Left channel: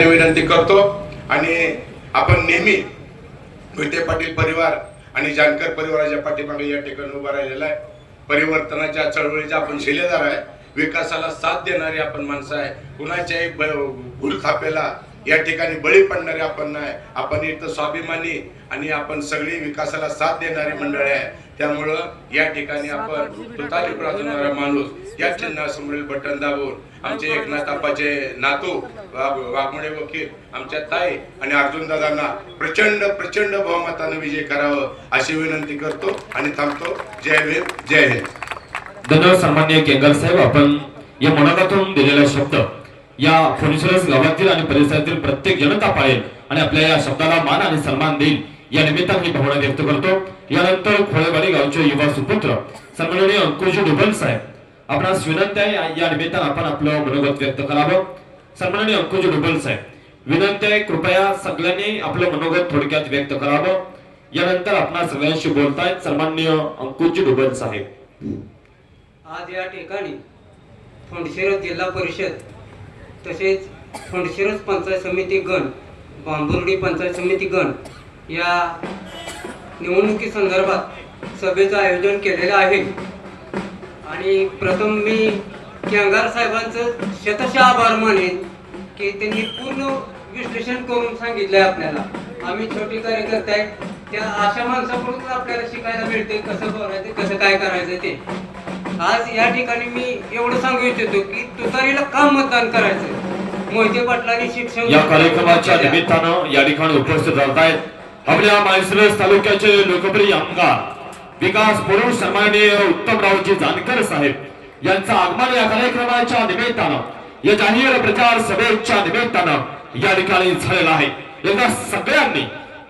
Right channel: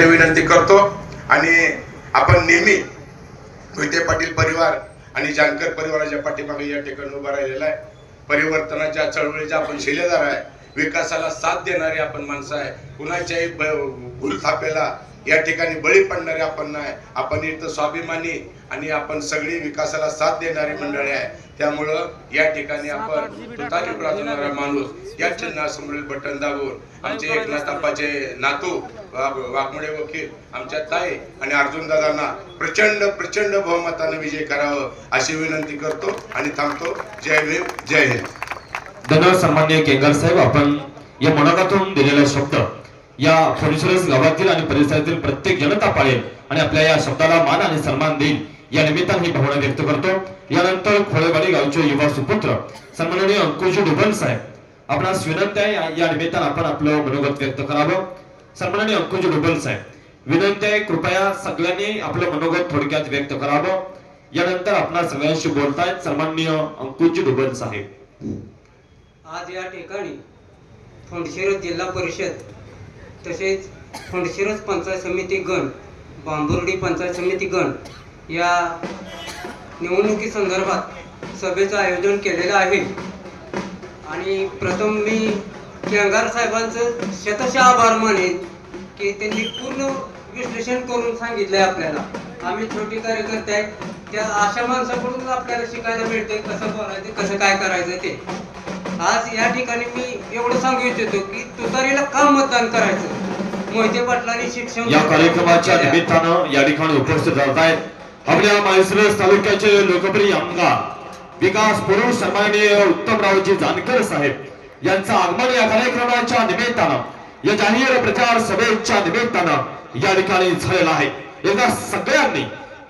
विनंती करतो आणि आपण नेहमी मोहिते पाटील परिवार आणि जानकर परिवाराच्या पाठीमागे या ठिकाणी उभा राहिलेला आहे. परिवर्तनाच्या चळवळीचा आपण शिलेदार आहे. विकासाला साथ देणारे आपण माणसं आहे. कुणाच्याही भूलथापेला या ठिकाणी बळी पडणारे आपण नाही. आपण इथं स्वाभिमानी आणि आपण सगळी विकासाला साथ देणारी मंडळी आहे. त्यामुळं या ठिकाणी आपण तुतारी वाजवणारा माणूस या चिन्हासमोरील बटन दाबून आमचे एकनाथ आप्पाचे नातू वाघमोडे वकील आमच्या ताई आणि अर्जुन दादांना प्रचंड प्रचंड बहुमताने विजय करावं अशी विनंती करतो आणि थांबतो. जय भीम, जय हिंद. धन्यवाद सन्माननीय केंगर साहेब. आपण या मनोगातून दिलेला शब्द या फणीश्वरस गावातील आणि परिसरातील प्रत्येक जनता पाळेल आणि आपल्या या शब्दाला मान आणि सन्मान देईल या निमित्ताने ही भावना व्यक्त करतो. यानंतर खोळेवाडी गावचे युवा सुपुत्र सन्माननीय अंकुश डुबल साहेब आपणास विनंती आहे या निमित्ताने आपण आपलं मनोगत व्यक्त करावं. सन्माननीय अंकुश डुबल साहेब विनंती आहे, कृपया सगळ्यांनी आपलं मनोगत थोडक्यात व्यक्त करावं. यानंतर आपणा सगळ्यांशी बोलतायत सन्माननीय अंकुश डुबल साहेब. आज या ठिकाणी फणशिरस जिल्हा परिषद तसेच फणशिरस पंचायत समिती गण, बांबुर्डी पंचायत समिती गण या निवडणुकी संदर्भात सभेचं आयोजन केलेलं आहे. आणि प्रथम मी केंगार साहेबांचं शतशः आभार मानेन की त्यांनी पूर्ण विश्लेषण करून सांगितलंय आपल्याला. आम्ही छोटी कार्यकर्ते आहेत, त्या अशा माणसाकडून आपल्याला शिकायला मिळते कसं बोलायचं, कसं काय करायचं ते. आज या ठिकाणी मी एवढं सांगू इच्छितो की तुतारीला का मतदान करायचं. मोहिते पाटलांनी शिक्षण या कार्यक्रमाच्या निमित्तानं या ठिकाणी उपस्थित राहत आहेत आपल्या माळशिरस तालुक्याचे लोकप्रिय आमदार विकास पुरुष सन्माननीय उत्तमरावजी जानकर साहेब यांचं आगमन या कार्यक्रमाच्या निमित्तानं या जाहीर प्रचार सभेच्या निमित्तानं या ठिकाणी झालेला आहे. एकदा सगळ्यांनी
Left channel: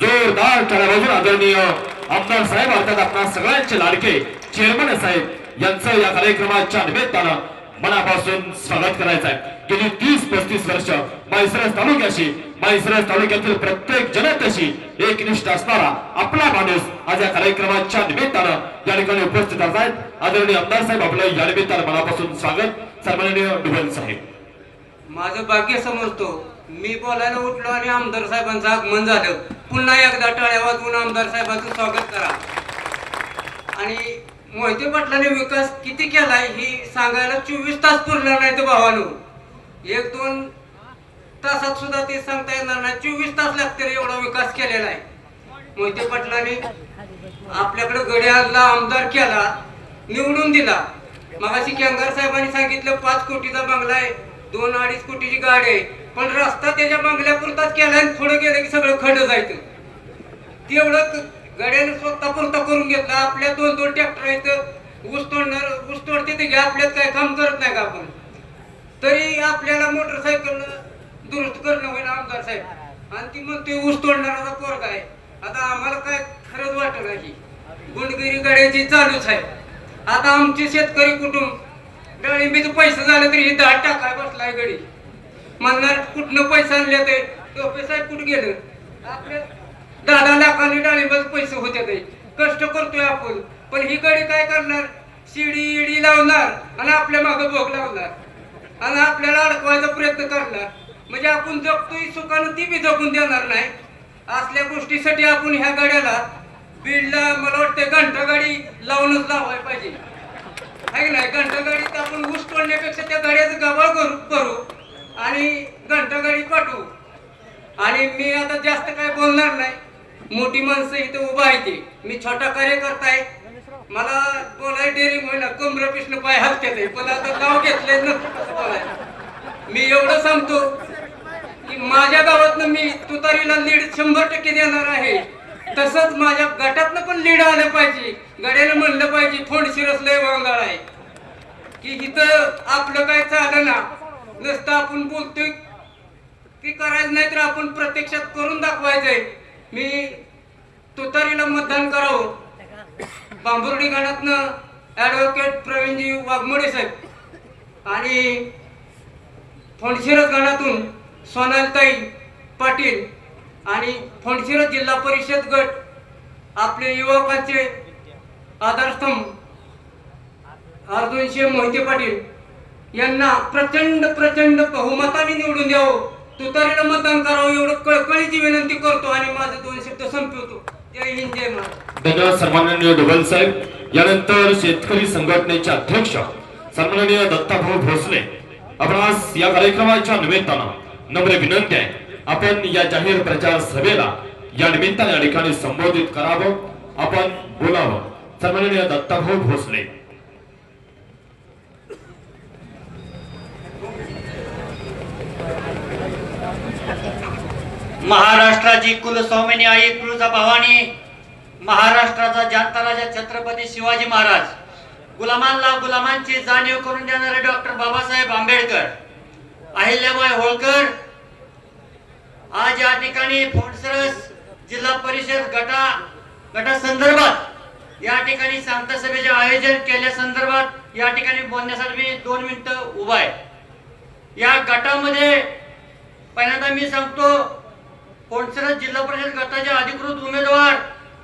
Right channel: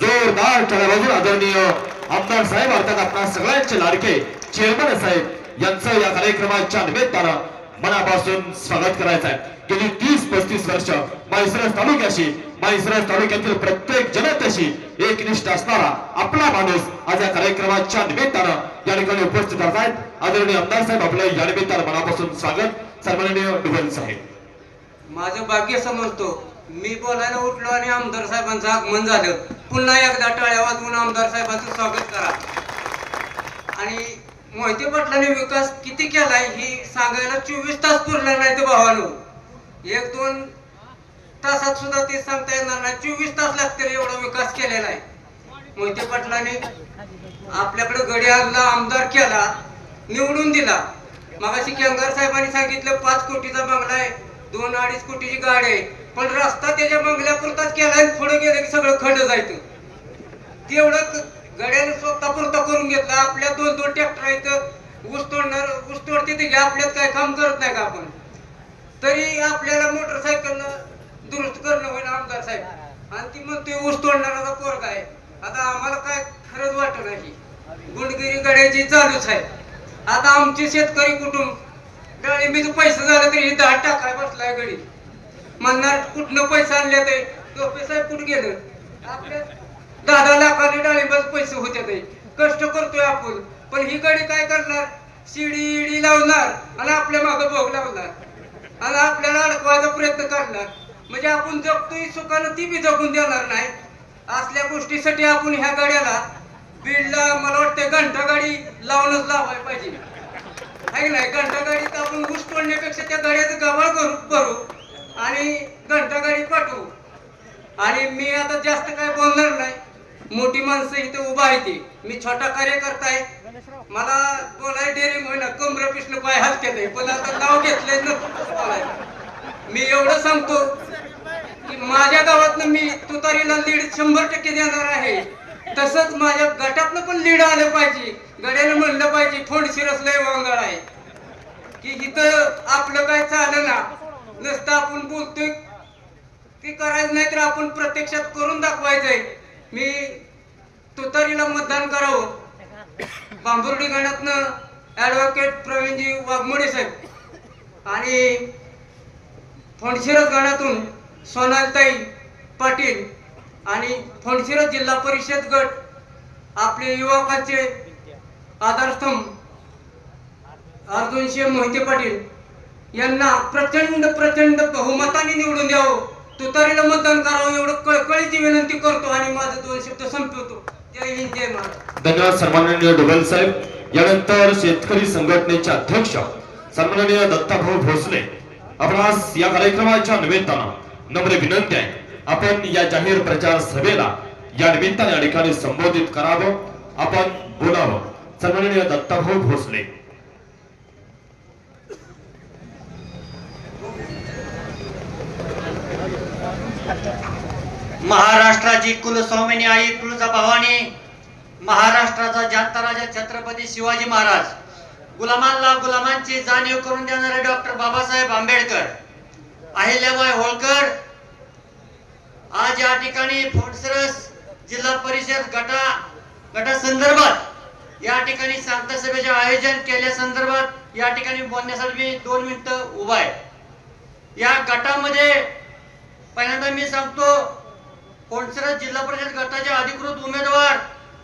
जोरदार टाळ्या वाजवून आदरणीय आमदार साहेब अर्थात आपल्या सगळ्यांचे लाडके चेअरमन साहेब यांचं या कार्यक्रमाच्या निमित्तानं मनापासून स्वागत करायचं आहे. गेली 30-35 वर्ष माळशिरस तालुक्याशी, माळशिरस तालुक्यातील प्रत्येक जनतेशी एकनिष्ठ असणारा आपला माणूस आज या कार्यक्रमाच्या निमित्तानं या ठिकाणी उपस्थित आहेत. आदरणीय आमदार साहेब आपलं या निमित्तानं मनापासून स्वागत. सन्माननीय डुबल साहेब. माझं भाग्य समजतो मी बोलायला उठलो आणि आमदार साहेबांचं आगमन झालं. पुन्हा एकदा टाळ्या वाजवून आमदार साहेबांचं स्वागत करा. आणि मोहिते पाटलांनी विकास किती केलाय ही सांगायला 24 तास पुरणार नाही तर भावानो. 1-2 तासात सुद्धा ते सांगता येणार नाही. 24 तास लागतील एवढा विकास केलेला आहे मोहिते पाटलांनी. आपल्याकडे गडी आणला, आमदार केला, निवडून दिला. मगाशी केंगार साहेबांनी सांगितलं 5 कोटीचा बंगला आहे, 2-2.5 कोटीची गाडी आहे, पण रस्ता त्याच्या बंगल्यापुरताच केलाय. पुढे गेलं की सगळं खंड जायचं. तेवढं गड्याने स्वतः पुरता करून घेतला. आपल्या 2-2 ट्रॅक्टर आहेत, ऊस तोडते ते घ्या, आपल्यात काय काम करत नाही का आपण. तरी आपल्याला मोटरसायकल दुरुस्त करणं होईल आमदार साहेब. आणि ती म्हणते ऊस तोडणारा पोरगा आहे. आता आम्हाला काय खरंच वाटत नाही. गुणगिरी गड्याची चालूच आहे. आता आमचे शेतकरी कुटुंब डाळिंबीचे पैसे झाले तरी ही डाळ टाकाय बसलाय गडी. म्हणणार कुठनं पैसे आणले ते टोपे साहेब कुठे गेलं. आपले 10 लाखांनी डाळिंबाचे पैसे होते ते कष्ट करतोय आपण. पण ही गडी काय करणार, शिडी इडी लावणार आणि आपल्या मागे भोग लावणार आणि आपल्याला अडकवायचा प्रयत्न करणार. म्हणजे आपण जगतोय सुखानं ती बी जगून देणार नाही. असल्या गोष्टीसाठी आपण ह्या गाड्याला बीडला मला वाटतं घंटा गाडी लावूनच लावायला पाहिजे आहे नाही. घंटा गाडीत आपण ऊस तोडण्यापेक्षा त्या गाड्याचं गवाळ करू आणि घंटा गाडी पाठवू. आणि मी आता जास्त काय बोलणार नाही. मोठी माणसं इथे उभा आहे ती. मी छोटा कार्यकर्ता आहे, मला बोलायला डेअरिंग होईना, कमर पिष्ण पाय हलते. पण आता नाव घेतले मी एवढं सांगतो की माझ्या गावातनं मी तुतारीला लीड 100% देणार आहे. तसंच माझ्या गटातनं पण लीड आलं पाहिजे. गड्यानं म्हणलं पाहिजे फणशिरस लय वांगाळ आहे की इथं आपलं काय चालं ना. नुसतं आपण बोलतोय ते करायचं नाही तर आपण प्रत्यक्षात करून दाखवायचंय. मी तुतारीला मतदान करावं. बांबुर्डी गणातनं ॲडव्होकेट प्रवीणजी वाघमोडे साहेब आणि फणशिरस गणातून सोनालताई पाटील आणि फणशिरस जिल्हा परिषद गट आपले युवकांचे आधारस्तंभ अर्जुनशे मोहिते पाटील यांना प्रचंड बहुमताने निवडून द्यावं तुतारीला मतदान करावं एवढं कळकळीची विनंती करतो आणि माझे 2 शब्द संपवतो. जय हिंद जय महाराज. धन्यवाद सन्माननीय डोबल साहेब. यानंतर शेतकरी संघटनेचे अध्यक्ष सन्माननीय दत्ताभाऊ भोसले आपणास या कार्यक्रमाच्या निमित्तानं नम्र विनंती आहे आपण या जाहीर प्रचार सभेला या निमित्ताने या ठिकाणी संबोधित करावं, आपण बोलावं. सन्माननीय दत्ताभाऊ भोसले. महाराष्ट्राची कुलस्वामिनी आई तुळजाभवानी, महाराष्ट्राचा जाणता राजा छत्रपती शिवाजी महाराज, गुलामांना गुलामांची जाणीव करून देणारे डॉक्टर बाबासाहेब आंबेडकर, अहिल्याबाई होळकर आज या ठिकाणी फोंडसरस जिल्हा परिषद गटासंदर्भात या ठिकाणी सांगता सभेचे आयोजन केल्या संदर्भात या ठिकाणी बोलण्यासाठी मी 2 मिनिटं उभा आहे. या गटामध्ये पहिल्यांदा मी सांगतो, फोंडसरस जिल्हा परिषद गटाचे अधिकृत उमेदवार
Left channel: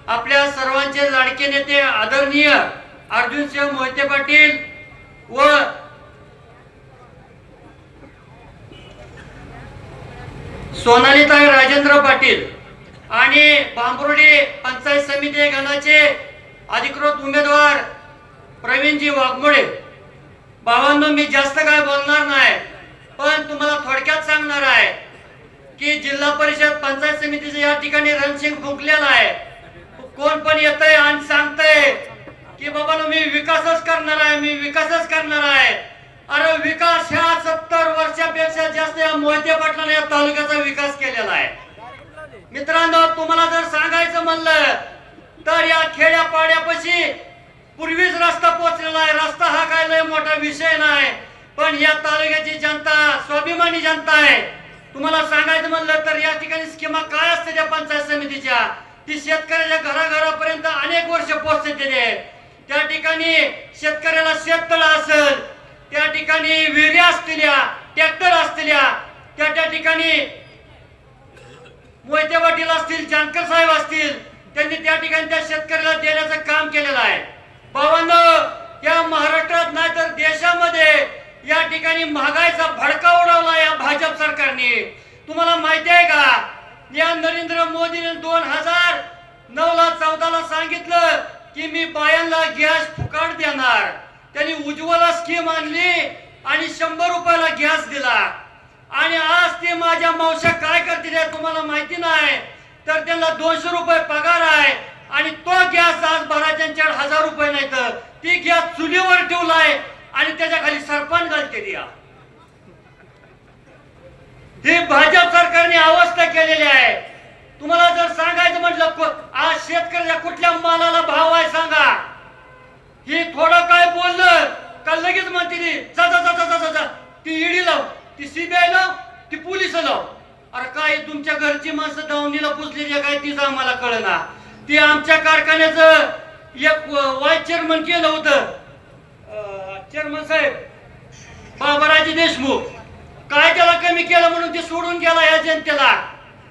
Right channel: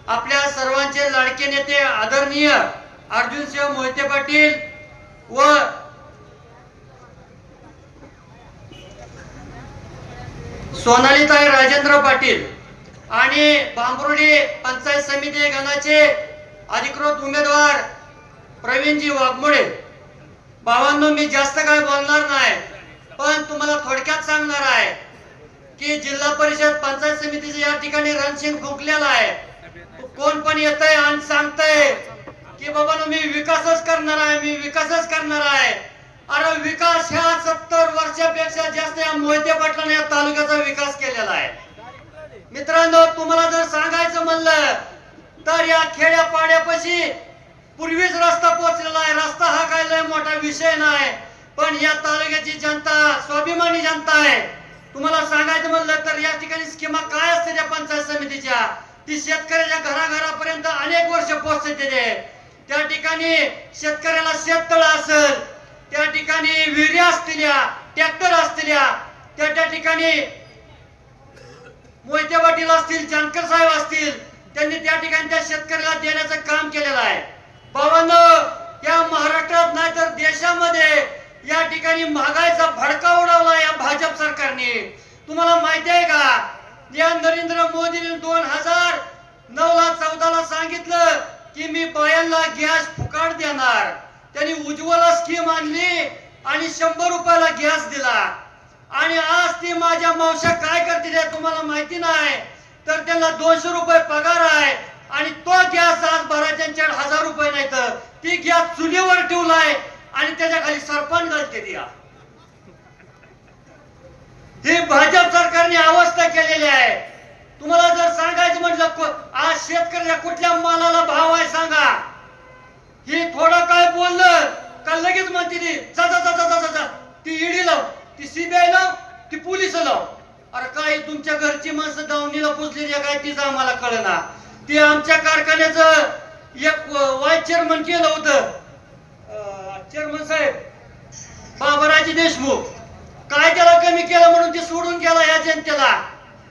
आपल्या सर्वांचे लाडके नेते आदरणीय अर्जुनसिंह मोहिते पाटील व सोनालीताई राजेंद्र पाटील आणि बांबुर्डी पंचायत समिती गणाचे अधिकृत उमेदवार प्रवीणजी वाघमोडे. भावांनो, मी जास्त काय बोलणार नाही, पण तुम्हाला थोडक्यात सांगणार आहे की जिल्हा परिषद पंचायत समितीचे या ठिकाणी रणशिंग फुंकलेला आहे. कोण पण येतंय आणि सांगतंय की बाबा मी विकासच करणार आहे, मी विकासच करणार आहे. अरे विकास ह्या 70 वर्षापेक्षा जास्त या मोहिते पाटलाने या तालुक्याचा विकास केलेला आहे. मित्रांनो, तुम्हाला जर सांगायचं म्हणलं तर या खेड्या पाड्यापाशी पूर्वीच रस्ता पोहोचलेला आहे. रस्ता हा काय लय मोठा विषय नाही, पण या तालुक्याची जनता स्वाभिमानी जनता आहे. तुम्हाला सांगायचं म्हणलं तर या ठिकाणी स्कीमा काय असते त्या पंचायत समितीच्या, ती शेतकऱ्याच्या घराघरापर्यंत अनेक वर्ष पोहोचते. त्या ठिकाणी शेतकऱ्याला शेततळ असेल, त्या ठिकाणी विहिरी असलेल्या, ट्रॅक्टर असलेल्या, त्या ठिकाणी मोहिते पाटील असतील, जानकर साहेब असतील, त्यांनी त्या ठिकाणी त्या शेतकऱ्याला देण्याचं काम केलेलं आहे. भावांनो, या महाराष्ट्रात नाही तर देशामध्ये या ठिकाणी महागाईचा भडका उडवला या भाजप सरकारने. तुम्हाला माहिती आहे का, या नरेंद्र मोदीने 2009ला 14ला सांगितलं की मी बायांना गॅस फुकाट देणार. त्यांनी उज्ज्वला स्कीम आणली आणि 100 रुपयाला गॅस दिला. आणि आज ते माझ्या मावश्या काय करतील तुम्हाला माहिती नाही, तर त्यांना 200 रुपये पगार आहे आणि तो गॅस आज भराच्या 1000 रुपये नाही तर ती गॅस चुलीवर ठेवलाय आणि त्याच्या खाली सरपंच घालते द्या. ही भाजप सरकारने अवस्था केलेली आहे. तुम्हाला जर सांगायचं म्हटलं आज शेतकऱ्याला कुठल्या मालाला भाव आहे सांगा. ही थोडं काय बोललं का लगेच म्हणते जा जा जा जा जा, ती ईडी लाव, ती सीबीआय लाव, ती पोलीस लाव. अरे काय तुमच्या घरची माणसं दावणीला पुजलेली काय तीच आम्हाला कळना. ती आमच्या कारखान्याचं एक वाईस चेअरमन केलं होतं, चेअरमन साहेब बाबाराजी देशमुख. काय त्याला कमी केलं म्हणून ते सोडून गेला या जनतेला.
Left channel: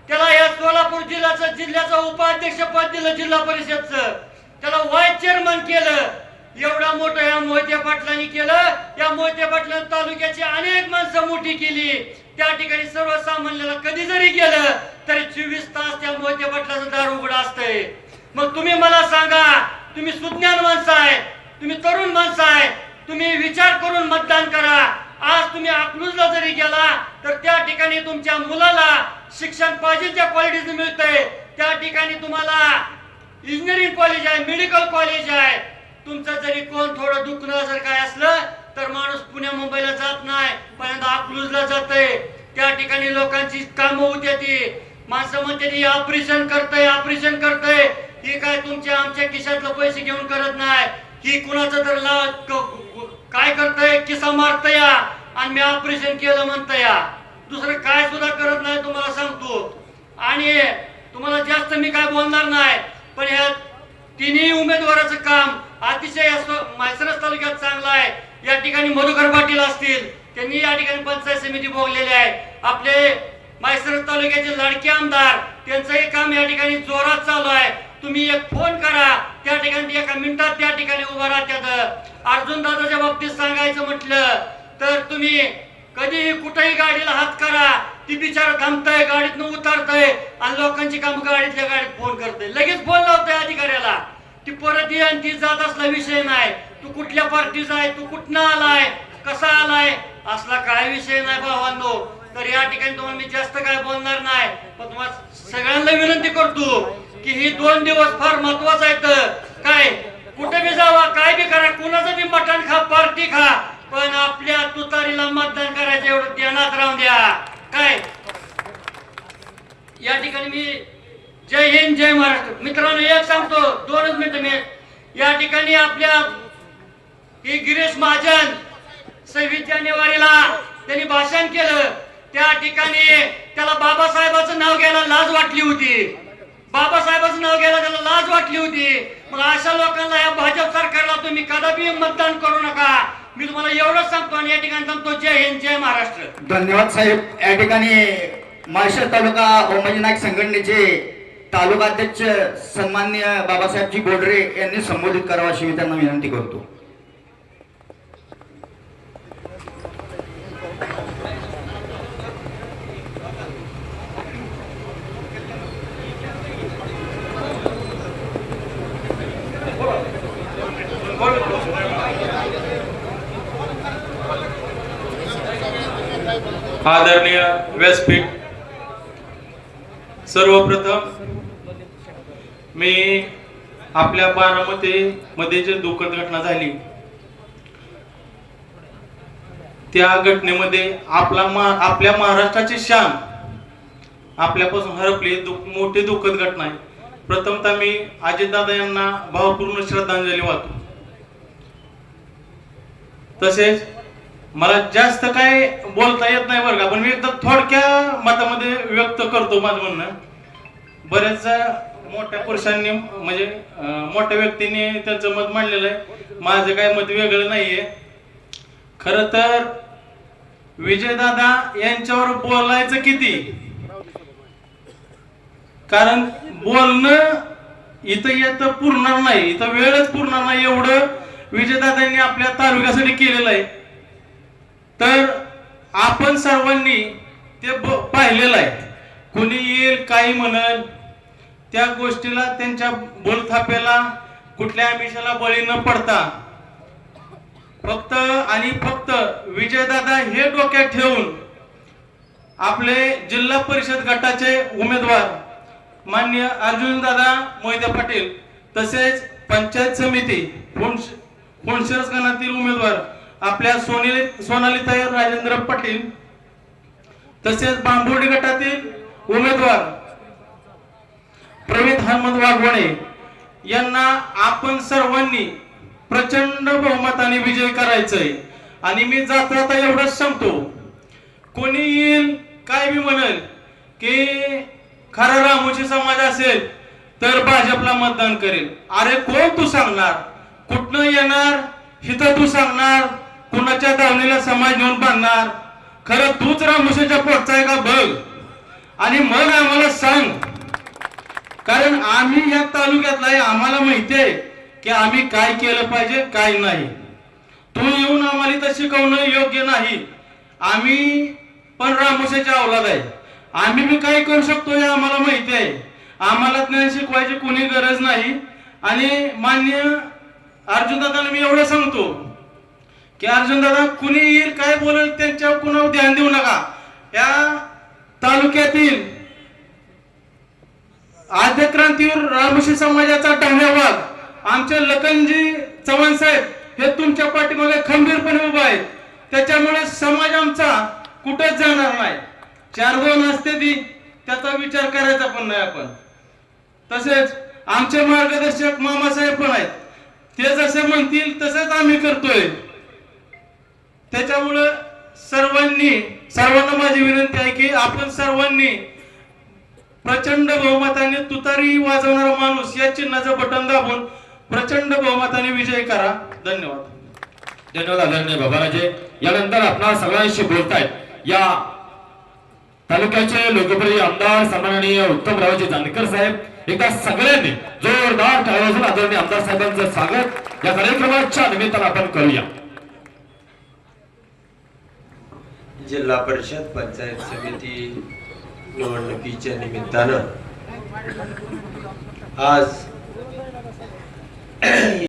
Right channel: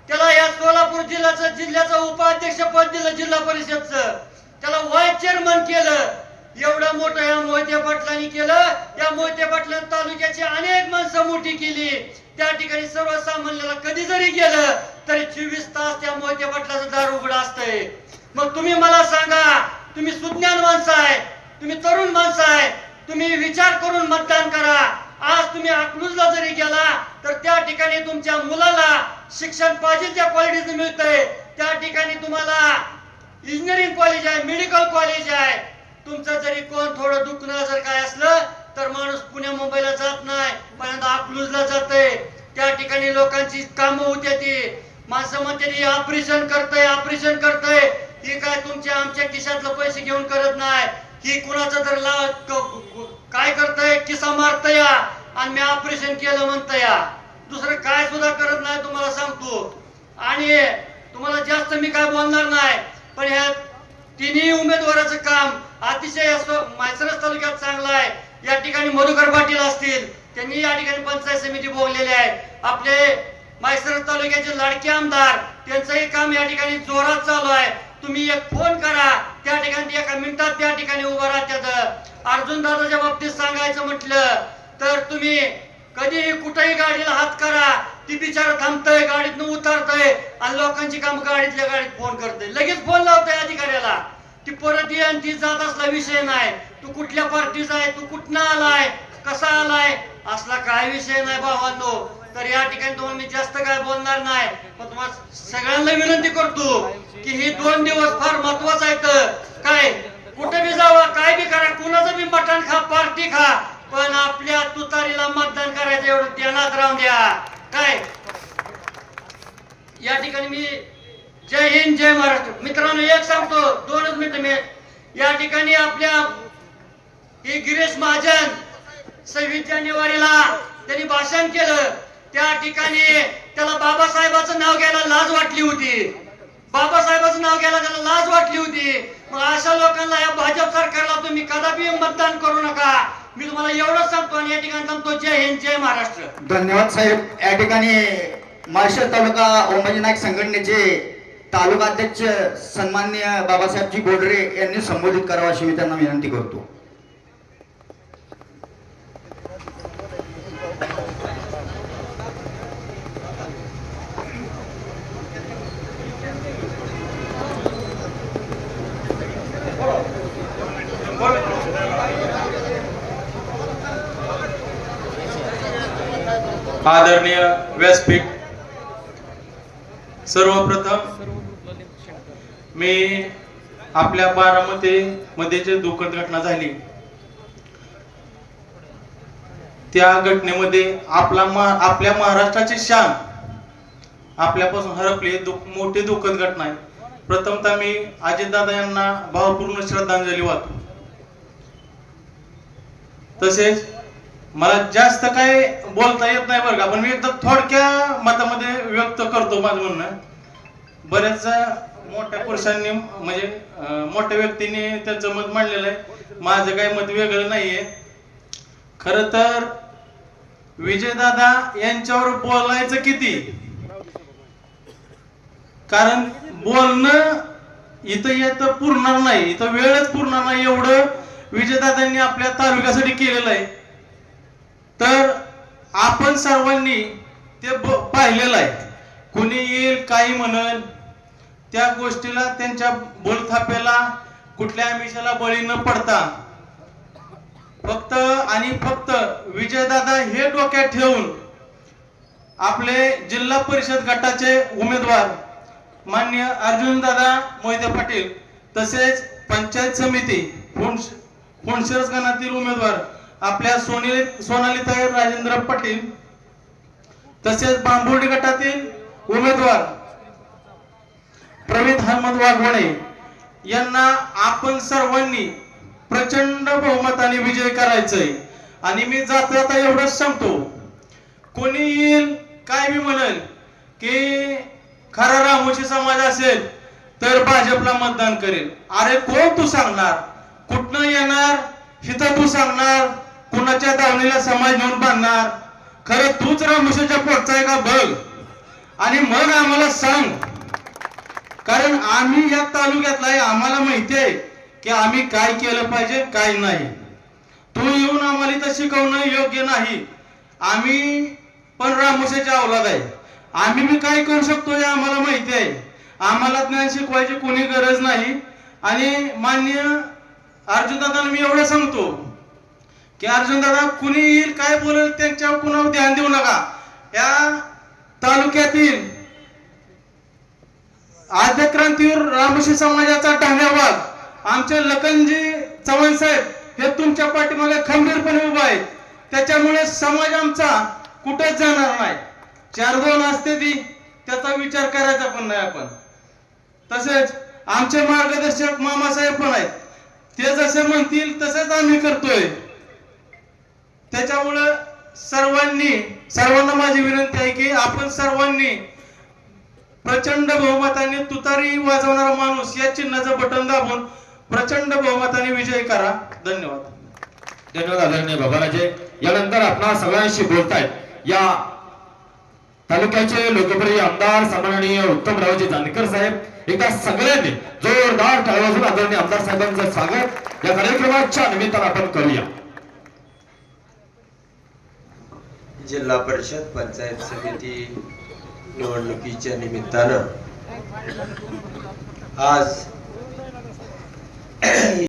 त्याला या सोलापूर जिल्ह्याचं उपाध्यक्ष पद दिलं जिल्हा परिषदचं, त्याला वाईस चेअरमन केलं. एवढं मोठं या मोहिते पाटलांनी केलं. या मोहिते पाटलांनी तालुक्याची अनेक माणसं मोठी केली. त्या ठिकाणी सर्वसामान्याला कधी जरी गेलं तरी 24 तास त्या मोहिते पाटलाचं दार उघडं असतंय. मग तुम्ही मला सांगा, तुम्ही सुज्ञान माणसं आहे, तुम्ही तरुण माणसं आहे, तुम्ही विचार करून मतदान करा. आज तुम्ही अकलूजला जरी गेला तर त्या ठिकाणी तुमच्या मुलाला शिक्षण पाहिजे ज्या क्वालिटीचं मिळतंय, त्या ठिकाणी तुम्हाला इंजिनिअरिंग कॉलेज आहे, मेडिकल कॉलेज आहे. तुमचं जरी कोण थोडं दुखणं जर काय असलं तर माणूस पुण्या मुंबईला जात नाही, पण अकलूजला जाते. त्या ठिकाणी लोकांची कामं होते. ती माणसं म्हणते ऑपरेशन करतंय, ऑपरेशन करतंय. ही काय तुमच्या आमच्या खिशातलं पैसे घेऊन करत नाही. ही कुणाचं तर काय करतंय, किसा मारतंय आणि मी ऑपरेशन केलं म्हणतंय. दुसरं काय सुद्धा करत नाही तुम्हाला सांगतो. आणि तुम्हाला जास्त मी काय बोलणार नाही, पण ह्या तिन्ही उमेदवाराचं काम अतिशय माळशिरस तालुक्यात चांगलं आहे. या ठिकाणी मधुकर पाटील असतील, त्यांनी या ठिकाणी पंचायत समिती भोगलेली आहे. आपले माळशिरस तालुक्याचे लाडके आमदार, त्यांचंही काम या ठिकाणी जोरात चालू आहे. तुम्ही एक फोन करा, त्या ठिकाणी 1 मिनिटात त्या ठिकाणी उभं राहतात. अर्जुन दादाच्या बाबतीत सांगायचं म्हटलं तर तुम्ही कधीही कुठेही गाडीला हात करा, ती बिचारा थांबतंय, गाडीतनं उतरतंय आणि लोकांची काम गाडीतल्या गाडीत फोन करतंय, लगेच फोन लावतंय अधिकाऱ्याला. ती परत येईन, ती जात असला विषय नाही. तू कुठल्या पार्टीचा आहे, तू कुठनं आलाय, कसा आलाय, असला काय विषय नाही भावांनो. तर या ठिकाणी तुम्हाला मी जास्त काय बोलणार नाही, पण तुम्हाला सगळ्यांना विनंती करतो की ही 2 दिवस फार महत्वाचं आहेत. काय कुठे बी जावा, काय बी करा, कुणाचं बी मटण खा, पार्टी खा, पण आपल्या तुतारीला मतदान करायचं एवढं ध्यानात राहून द्या. काय या ठिकाणी मी जय हिंद जय महाराष्ट्र. मित्रांनो एक सांगतो, 2च मिनिटं मी. या ठिकाणी आपल्या ही गिरीश महाजन 26 जानेवारीला त्यांनी भाषण केलं. त्या ठिकाणी त्याला बाबासाहेबाचं नाव घ्यायला लाज वाटली होती, बाबासाहेबाचं नाव घ्यायला त्याला लाज वाटली होती. मग अशा लोकांना या भाजप सरकारला तुम्ही कदापि मतदान करू नका. मी तुम्हाला एवढंच सांगतो आणि या ठिकाणी सांगतो जय हिंद जय महाराष्ट्र. धन्यवाद साहेब. या ठिकाणी माळशेज तालुका ओमजी नाईक संघटनेचे तालुका अध्यक्ष सन्माननीय बाबासाहेबजी बोडरे यांनी संबोधित करावं अशी मी त्यांना विनंती करतो. आदरणीय व्यासपीठ, सर्वप्रथम मी आपल्या बारामती मध्ये जे दुःखद घटना झाली त्या घटनेमध्ये आपल्या महाराष्ट्राची शान आपल्यापासून हरपली, मोठी दुःखद घटना आहे. प्रथमतः मी अजितदादा यांना भावपूर्ण श्रद्धांजली वाहतो. तसेच मला जास्त काय बोलता येत नाही बरं का, पण मी एकदा थोडक्या मतामध्ये व्यक्त करतो माझं म्हणणं. बरेच मोठ्या पुरुषांनी म्हणजे मोठ्या व्यक्तींनी त्यांचं मत मांडलेलं आहे, माझं काय मत वेगळं नाहीये. खर तर विजयदादा यांच्यावर बोलायचं किती, कारण बोलणं इथं येतं पुरणार नाही, इथं वेळच पुरणार नाही एवढं विजयदादांनी आपल्या तालुक्यासाठी केलेलं आहे. तर आपण सर्वांनी ते पाहिलेलं आहे. कुणी येईल काही म्हणेल, त्या गोष्टीला त्यांच्या बोलथाप्याला कुठल्या आमिषाला बळी न पडता फक्त आणि फक्त विजयदादा हे डोक्यात ठेवून आपले जिल्हा परिषद गटाचे उमेदवार माननीय अर्जुनदादा मोहिते पाटील, तसेच पंचायत समिती फुंडशिरस गणातील उमेदवार आपल्या सोनालीताई राजेंद्र पाटील, तसेच बांबुर्डी गटातील उमेदवार प्रवीण हनुमंत वाघोणे यांना आपण सर्वांनी प्रचंड बहुमताने विजय करायचंय. आणि मी जाता जाता एवढंच सांगतो, कोणी येईल काय मी म्हणेल की खरा रामोशी समाज असेल तर भाजपला मतदान करेल. अरे कोण तू सांगणार, कुठनं येणार, हिथं तू सांगणार, कुणाच्या दावणीला समाज नेऊन बांधणार, खरं तूच रामोशीच्या पोटचा आहे का बघ आणि मग आम्हाला सांग. कारण आम्ही या तालुक्यातला आहे, आम्हाला माहिती आहे की आम्ही काय केलं पाहिजे काय नाही. तू येऊन आम्हाला इथं शिकवणं योग्य नाही. आम्ही पण रामोशीच्या औलाद आहे, आम्ही बी काय करू शकतो हे आम्हाला माहिती आहे. आम्हाला ज्ञान शिकवायची कोणी गरज नाही. आणि मान्य अर्जुनदादांना मी एवढं सांगतो की अर्जुनदादा कुणी येईल काय बोलेल त्यांच्यावर कुणावर ध्यान देऊ नका. या तालुक्यातील आद्य क्रांतीवर रामोशी समाजाचा धन्यवाद आमचे लखनजी चव्हाण साहेब हे तुमच्या पाठीमागे खंबीरपणे उभा आहेत. त्याच्यामुळे समाज आमचा कुठेच जाणार नाही. 4-2 असते ती त्याचा विचार करायचा पण नाही आपण. तसेच आमचे मार्गदर्शक मामासाहेब पण आहेत, ते जसे म्हणतील तसंच आम्ही करतोय. त्याच्यामुळं सर्वांना माझी विनंती आहे की आपण सर्वांनी प्रचंड बहुमताने तुतारी वाजवणारा माणूस या चिन्हाचं बटन दाबून प्रचंड बहुमताने विजय करा. धन्यवाद. धन्यवाद आदरणीय बाबाराजे. यानंतर आपणा सगळ्यांशी बोलतायत या तालुक्याचे लोकप्रिय आमदार सन्माननीय उत्तमरावजी जानकर साहेब. एकदा सगळ्यांनी जोरदार टाळ्या वाजवून आदरणीय आमदार साहेबांचं स्वागत या कार्यक्रमाच्या निमित्तानं आपण करूया. जिल्हा परिषद पंचायत समिती निवडणुकीच्या निमित्तानं आज